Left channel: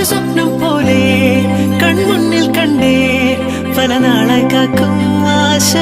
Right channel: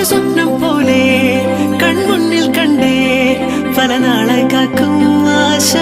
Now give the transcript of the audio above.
ഒരു സ്വപ്നം പോലെ കൺമുന്നിൽ കണ്ടേ പല നാളായി കാക്കും ആശ